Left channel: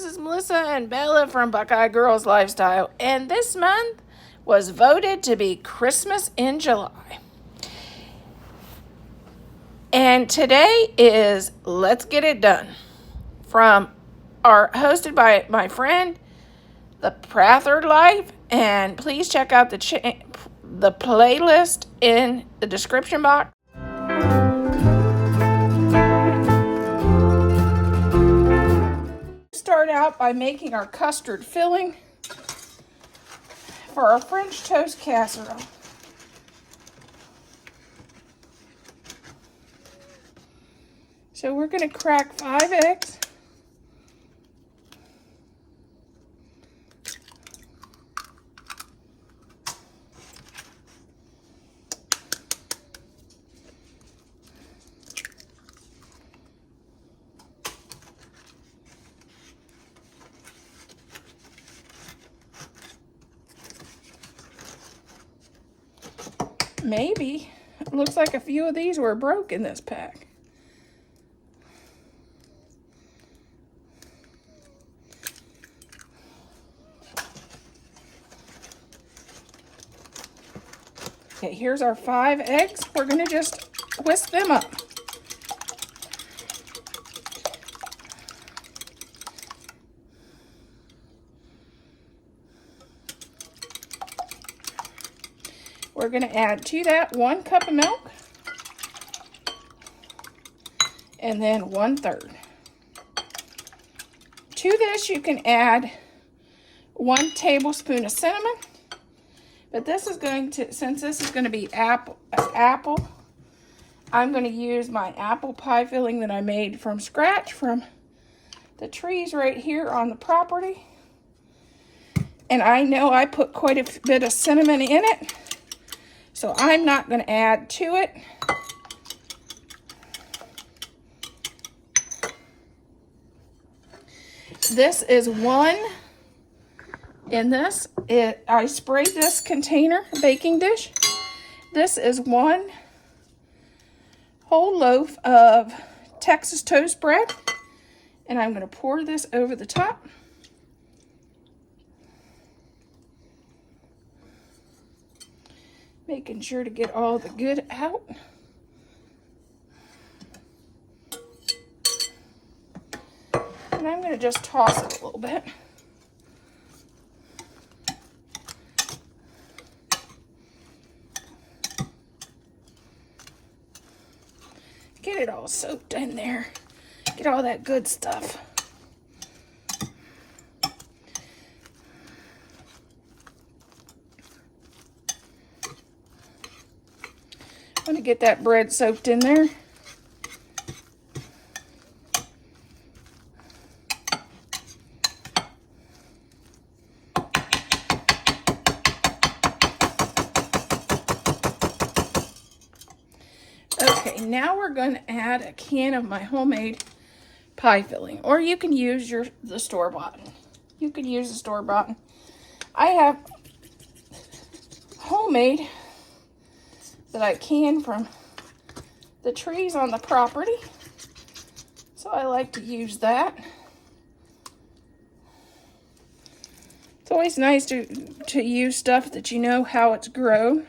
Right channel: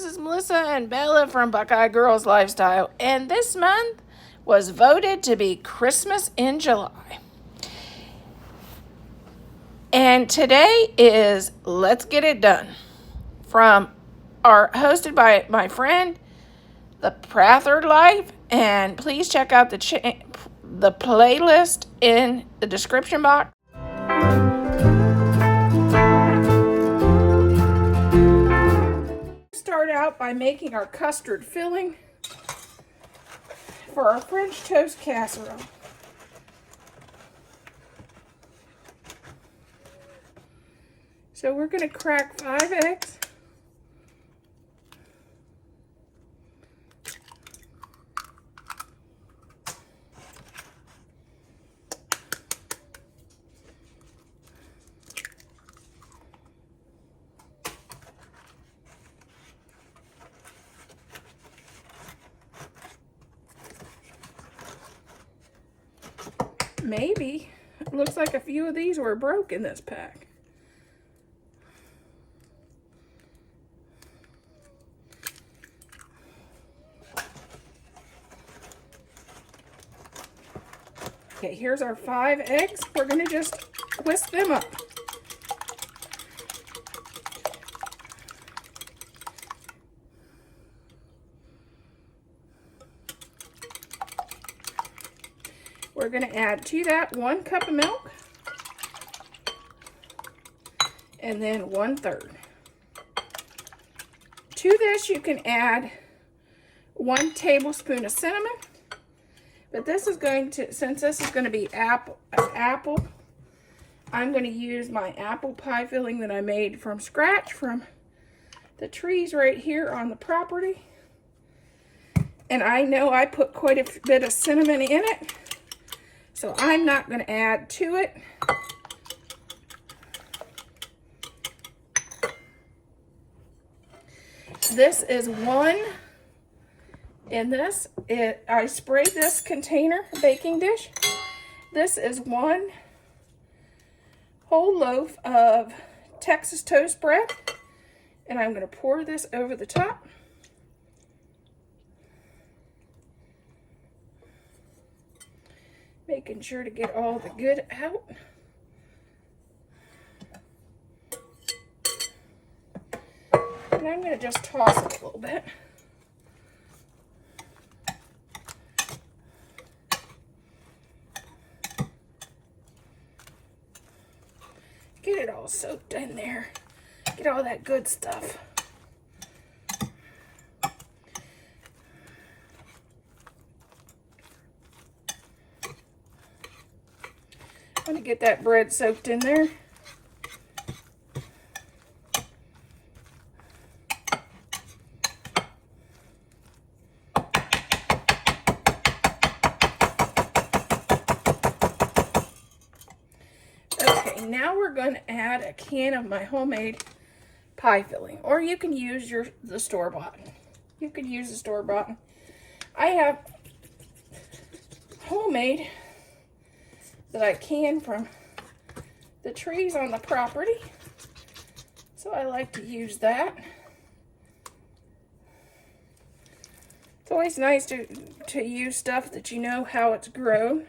This is Melissa and Bella from Buckeye Girls Lifestyle, and this month was voted to be Christmas in July. And today is Let's Get It Done hosted by my friend, The Prather Life, and please check out the playlist in the description box. Start out by making our custard filling for our French toast casserole. So we're going to crack 5 eggs. Maybe. It looks like a few of these were broke in this pack. Okay, here's our 5 eggs. We're going to just whisk them up. We're going to add to that 1 cup of milk and then 1/3. To this you can add 1 tablespoon of cinnamon, but this is going to, since this is going to be apple, I'm going to use my apple pie filling that I made from scratch from the trees right here on the property. And I know I put quite a bit of cinnamon in it, so I'm not going to add to it. This is 1 in this. I sprayed this container baking dish. This is 1 whole loaf of Texas toast bread, and I'm going to pour this over the top. Making sure to get all the good out. And I'm going to just toss it a little bit. Get it all soaked in there. Get all that good stuff. I'm going to get that bread soaked in there. Okay, now we're going to add a can of my homemade pie filling, or you can use the store-bought. You can use the store-bought. I have homemade that I can from the trees on the property, so I like to use that. It's always nice to use stuff that you know how it's grown.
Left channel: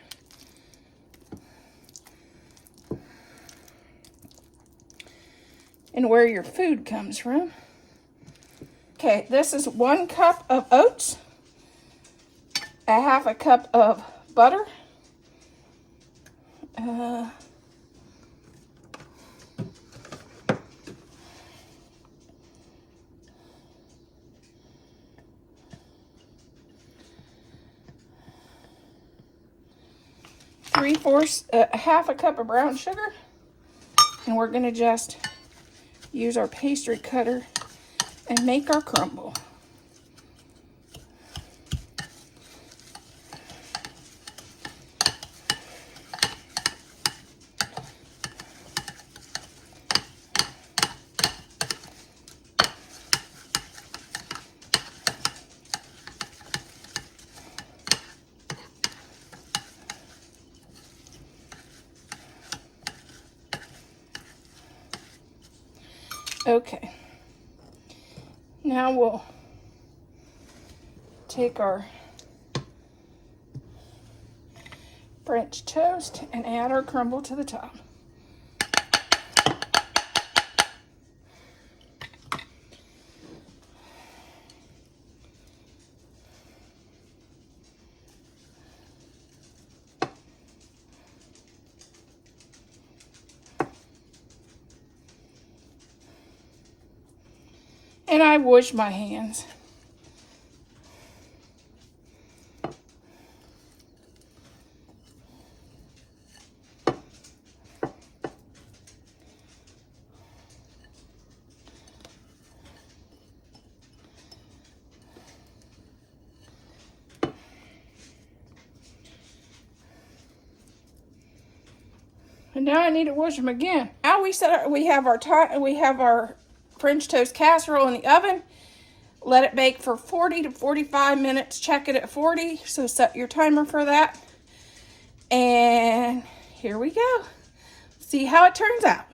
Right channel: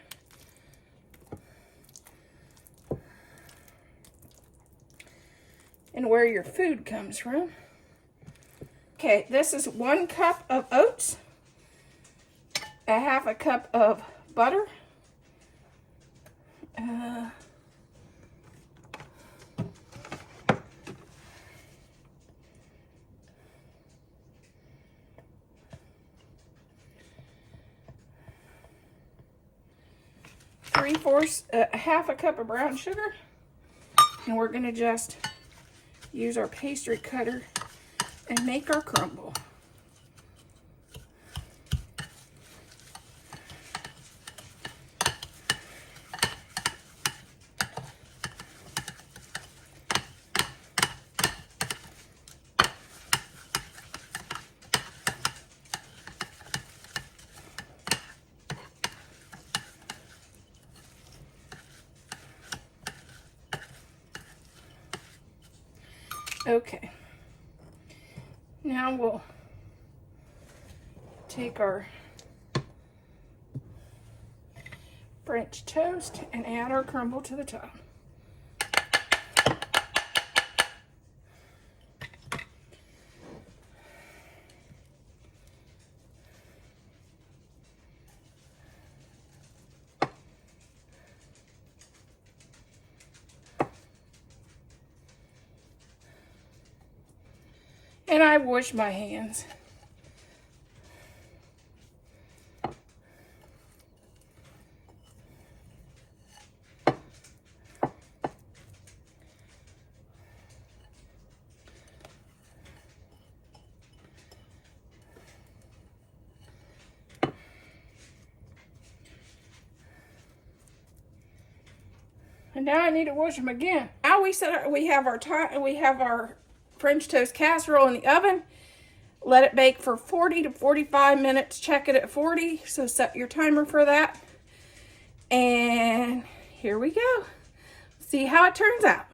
And where your food comes from. Okay, this is 1 cup of oats, a 1/2 cup of butter, 1/2 cup of brown sugar, and we're going to just use our pastry cutter and make our crumble. Okay. Now we'll take our French toast and add our crumble to the top. And I wash my hands. And now I need to wash them again. Now we have our French toast casserole in the oven. Let it bake for 40 to 45 minutes. Check it at 40, so set your timer for that. And here we go. See how it turns out.